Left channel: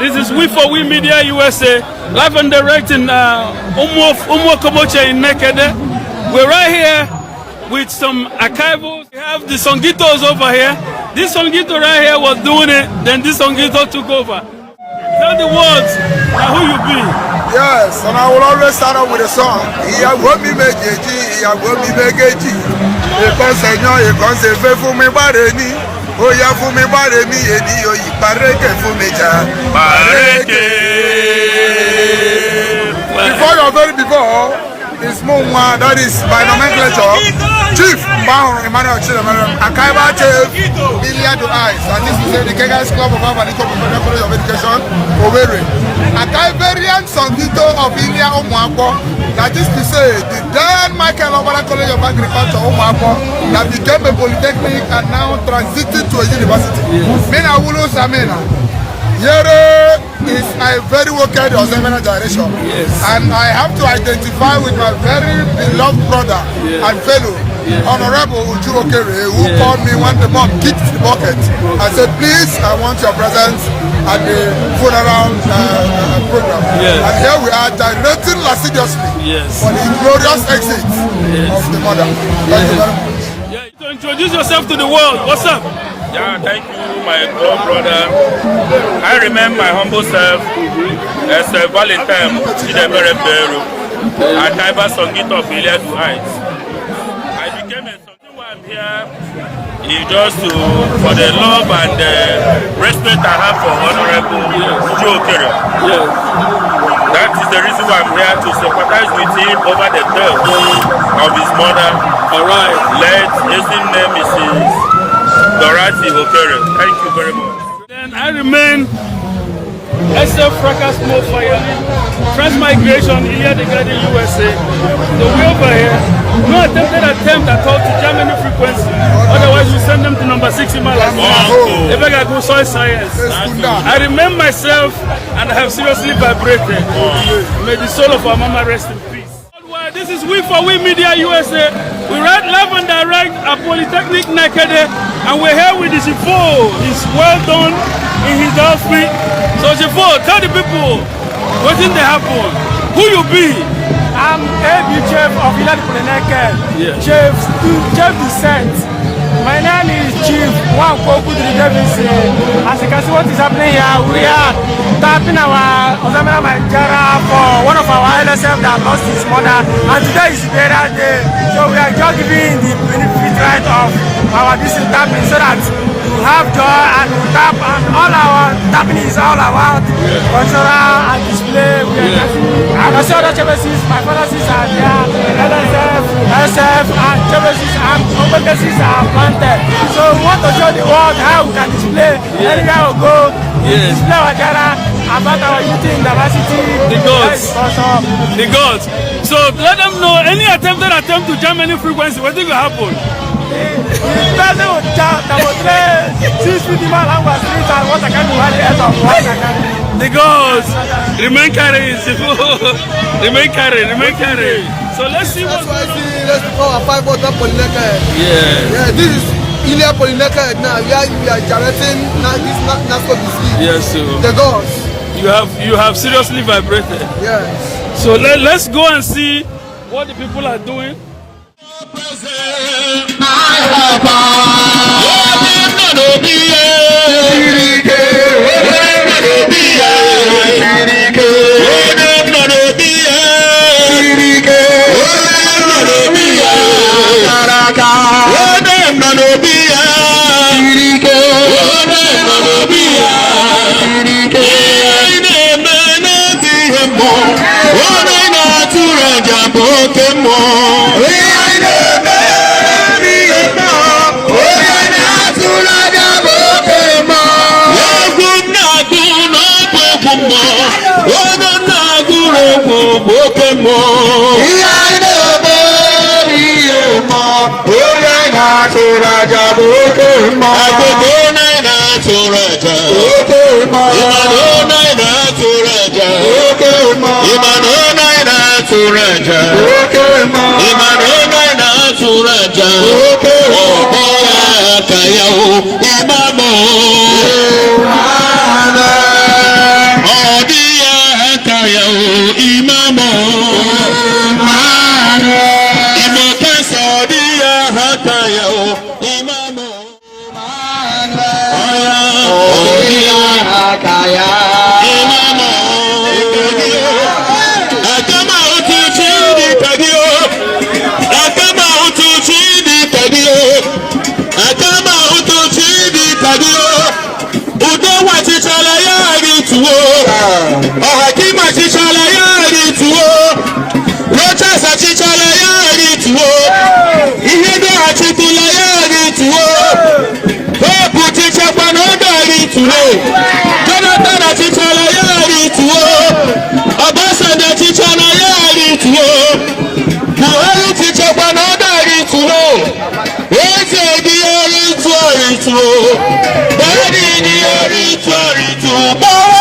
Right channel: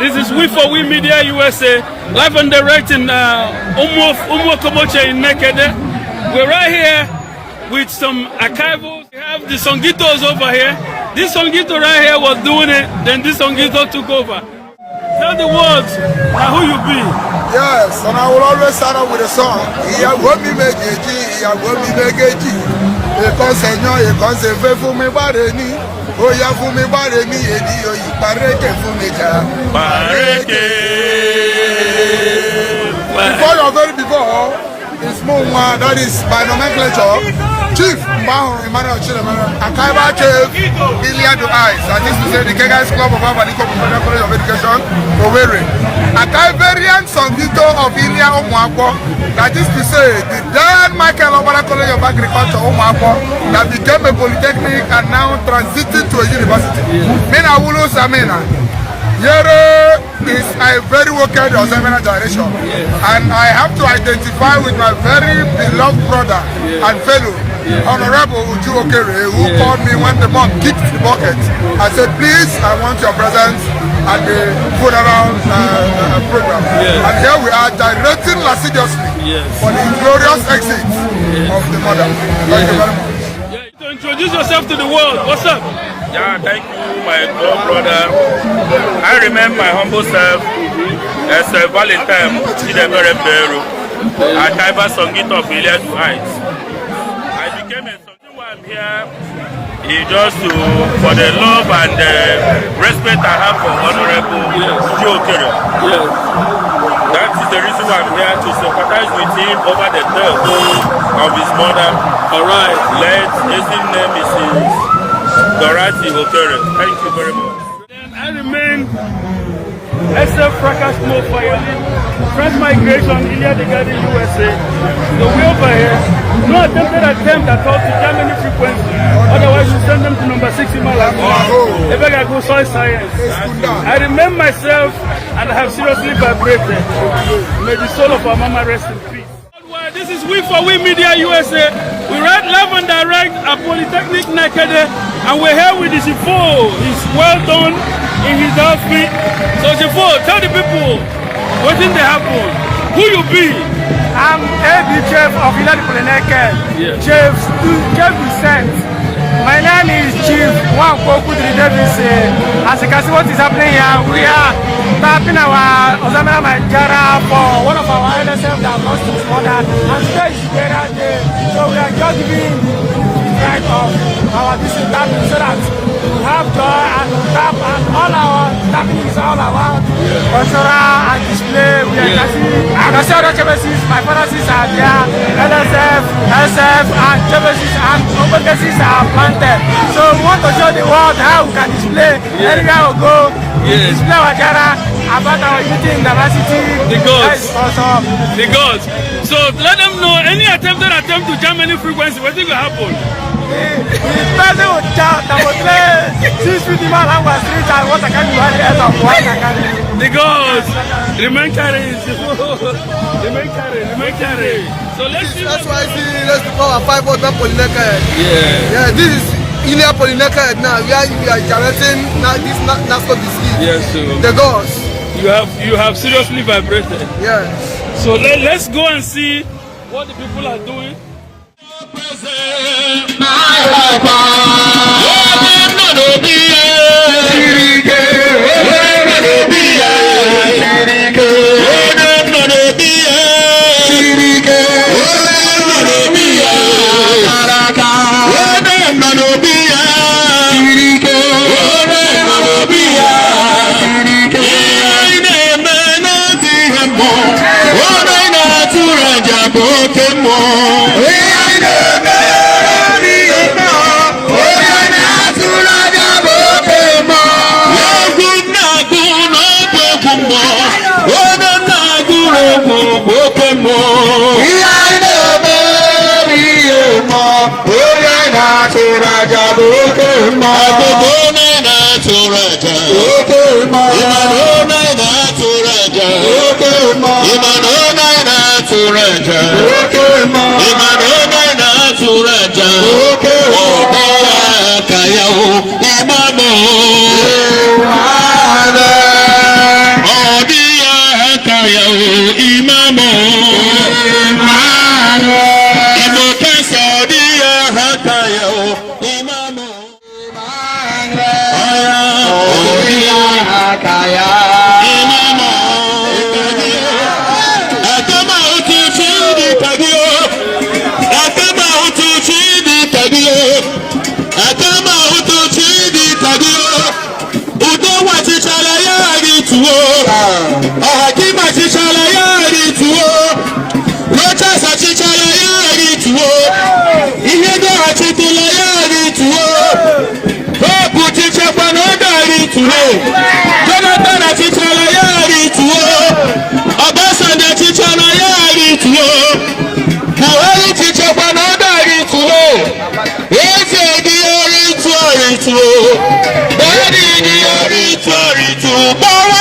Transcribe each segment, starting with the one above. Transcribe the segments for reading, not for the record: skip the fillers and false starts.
This is We for We Media USA, live and direct in Umuo Koboche in Nekede. We're right here with some archivals. We have the Songitos over here. This Songito right here was doing it, then this Songito took over. Tell the words now who you be. Yes, and I will always start out with a song. Iya gomi mejeji, iya gomi megeji. Ekonsenyo, ekonsefe fún mi bare ni. Oya fún mi bare mi eni oyi pareke fún mi ja. Pareke. Before is Munwa, that is by nomenclature. Chief Mbao Emmanuel Chidemere, Akaiba Chief Ilia to Eyes, and this is the Kegas Club of Avaliko Professional College of Education, Owerri. Akaiberian Songito of Ilia Omuakwo, that is to say, the Dan Michael Obara College of Agriculture Omuakwo, that became a polytechnic and now transited to a university. Mina Wulu Samina. Yere is a very wicked Ozemena generation, and I have to identify with my very beloved brother and fellow, Honorable Uju Okere, who called me when the mom kicked the bucket. I said, please, I want your presence at the funeral program. And here we are directing lasciviously for the glorious exit of the mother. Thank you very much. To introduce yourself to the world, what's up? Yeah, thank you, my brother. I remember my humble self as a Valentine Chidemere Peru, a Kaiba Songito of Ilia to Heights. I became a Songito while I'm here just for the love and the respect I have for Honorable Joe Kerry. That is the reason why I'm here, to sympathize with him over the death of his mother. All right. His name is Dorothy Okere. Thank you very much. Then I remain SF Fracas Mo Fire, Transmigration, Ilia the Garden, USA. So we over here, no attempt at all to jam any frequency. Otherwise, we send them to number 6 Himalaya. If I go soil science. I remain myself and I have seriously vibrated. May the soul of our mama rest in peace. This is We for We Media USA. We ride live and direct at Polytechnic Nekede, and we're here with the Shifo. He's well done in his outfit. So Shifo, tell the people what did they happen. Who you be? I'm AB Chief of Ilani Polytechnic. Chief Descent. My name is Chief Wanko Kudri Davis. As you can see what is happening here, we are tapping our Ozemena Manjara for one of our LSF that lost his mother, and today is burial day. So we are just giving the benefit right of our distant tapping so that we have joy and we tap, and all our tapping is all around cultural and display. We can see other chemistries, my father's are there, LSF, SF, and chemistries and open cases are planted. So we want to show the world how we can display anywhere we go. Display our data about our youth in diversity. The gods. The gods. So let them know any attempt to jam any frequency, what will happen? The person will jump, that will play 6 feet in my language street and what I can do at the end of what I can do. The gods. Remain carry. Remain carry. So let's see. That's why I see let's do our 5 water Polytechnic. Yeah, this is Ilia Polytechnic now. We are generating this NASCO disease. Yes, sir. The gods. You have seriously vibrated. Yes. So let's go and see what the people are doing. Suraja, tuwo. Ọ̀hàkímọ̀ ṣiṣẹ́ yáàrí tuwo. Rochas ṣiṣẹ́ yáàrí tuwo. Ihede àtìkúlọ̀ yáàrí tuwo. Hope ṣiṣẹ́ pẹ̀lú ọ̀dọ̀rí tuwo. Jonathan ṣiṣẹ́ yáàrí tuwo. Ọbásanjọ́ ṣiṣẹ́ yáàrí tuwo. Buhari ṣiṣẹ́ pẹ̀lú ọ̀dọ̀rí tuwo. Eze di orí tuwo tuwo. Bọ́lá di orí tuwo bọ́wọ́.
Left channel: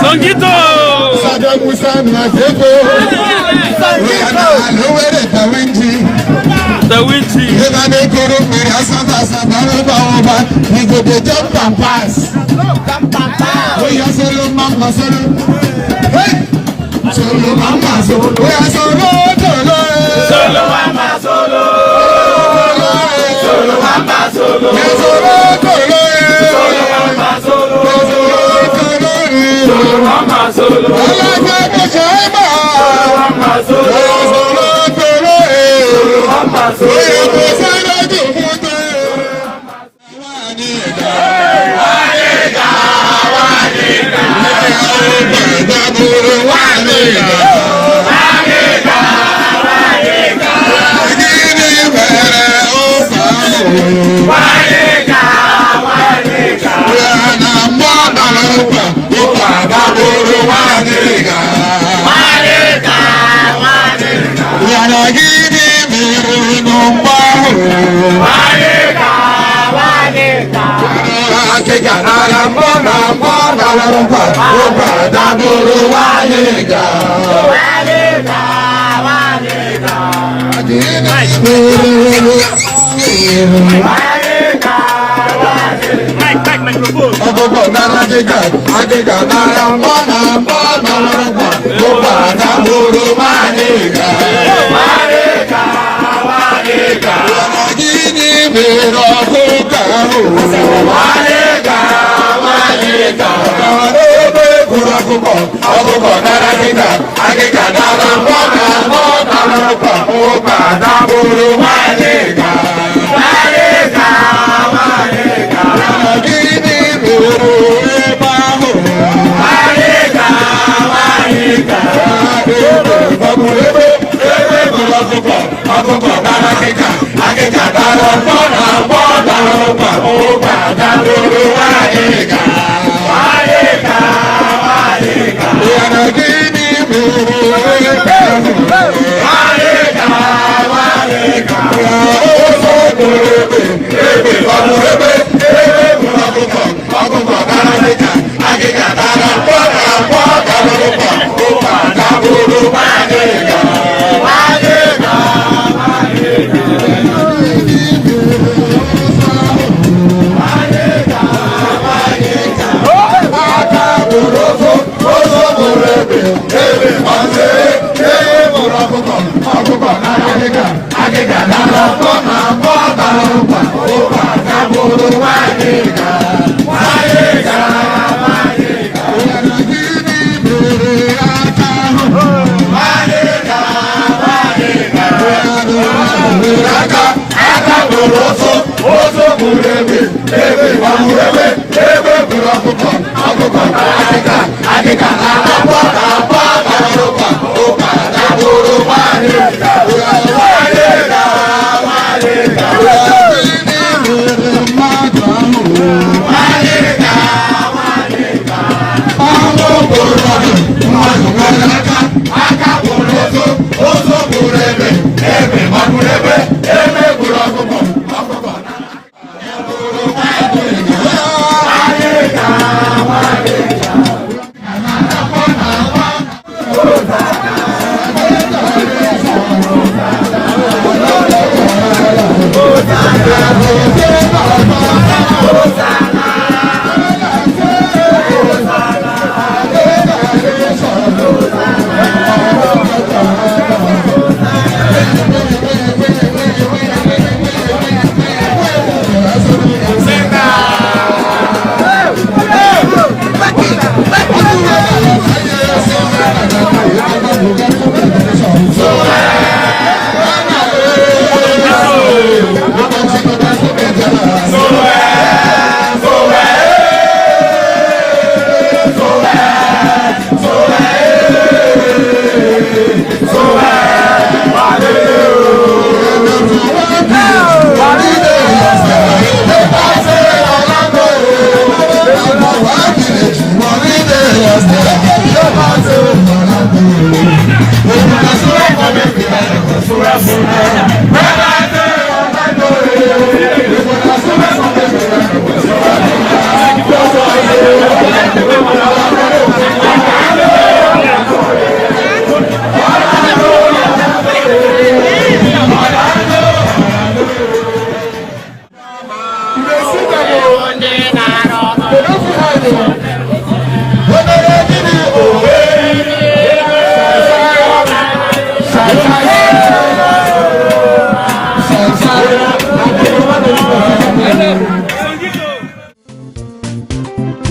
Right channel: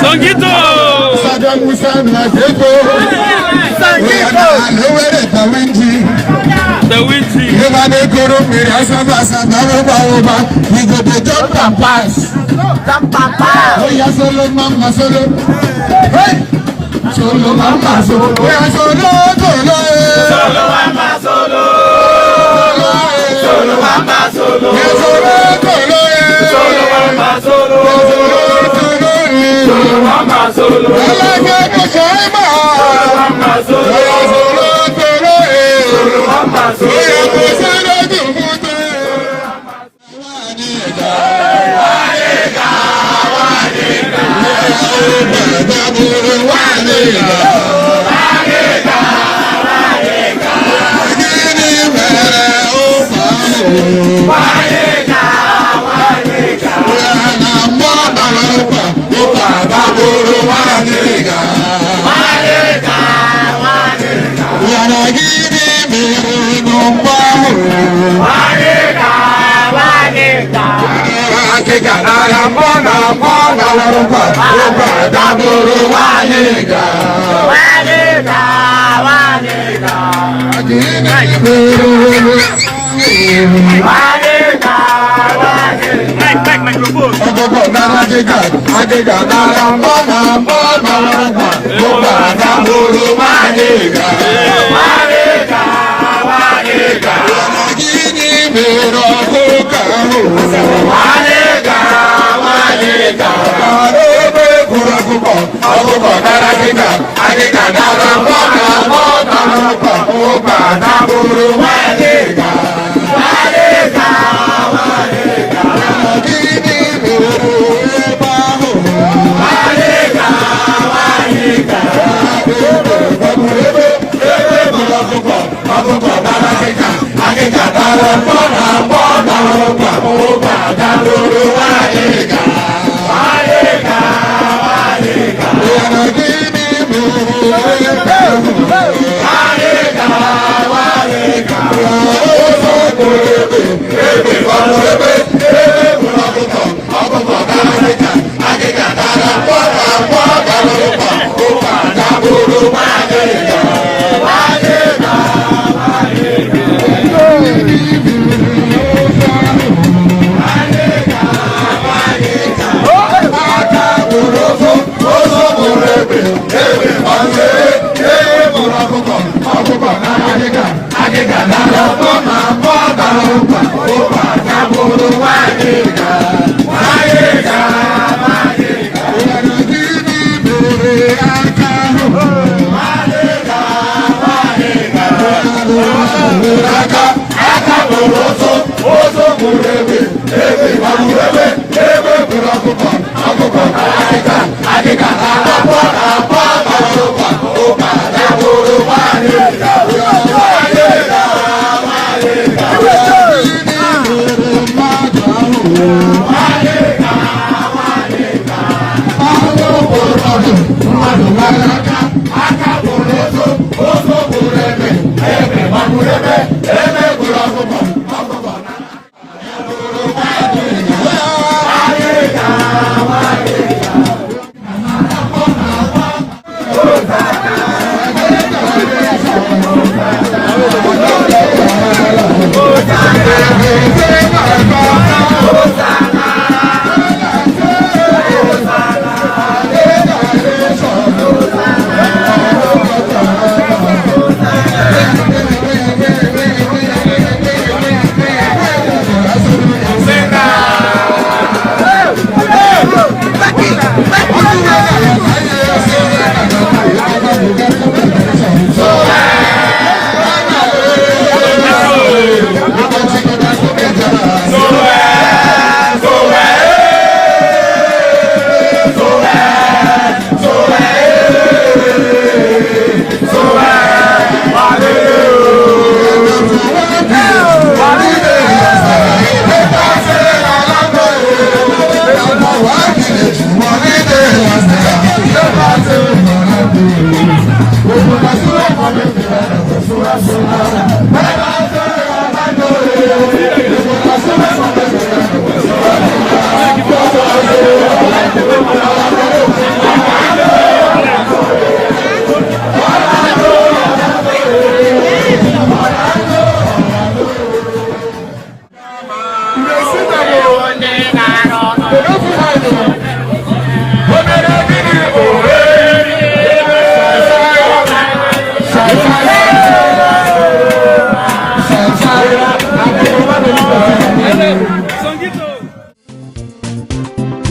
Songito! Bewinti! We go to jump and pass. Oh, yeah, solo mama, solo. Hey! Solo mama, solo. Oh, yeah, solo, solo. Solo mama, solo. Solo mama, solo. Yeah, solo, solo. Solo mama, solo. Solo mama, solo. Solo mama, solo. Solo mama, solo. Solo mama, solo.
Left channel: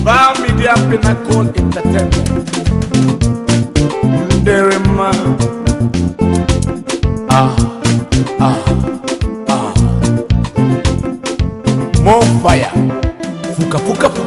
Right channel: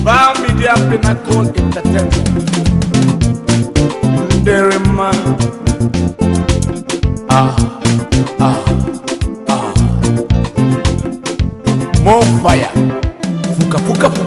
Bar Media Pinnacle Entertainment. Derema. More fire. Fuka fuka fuka.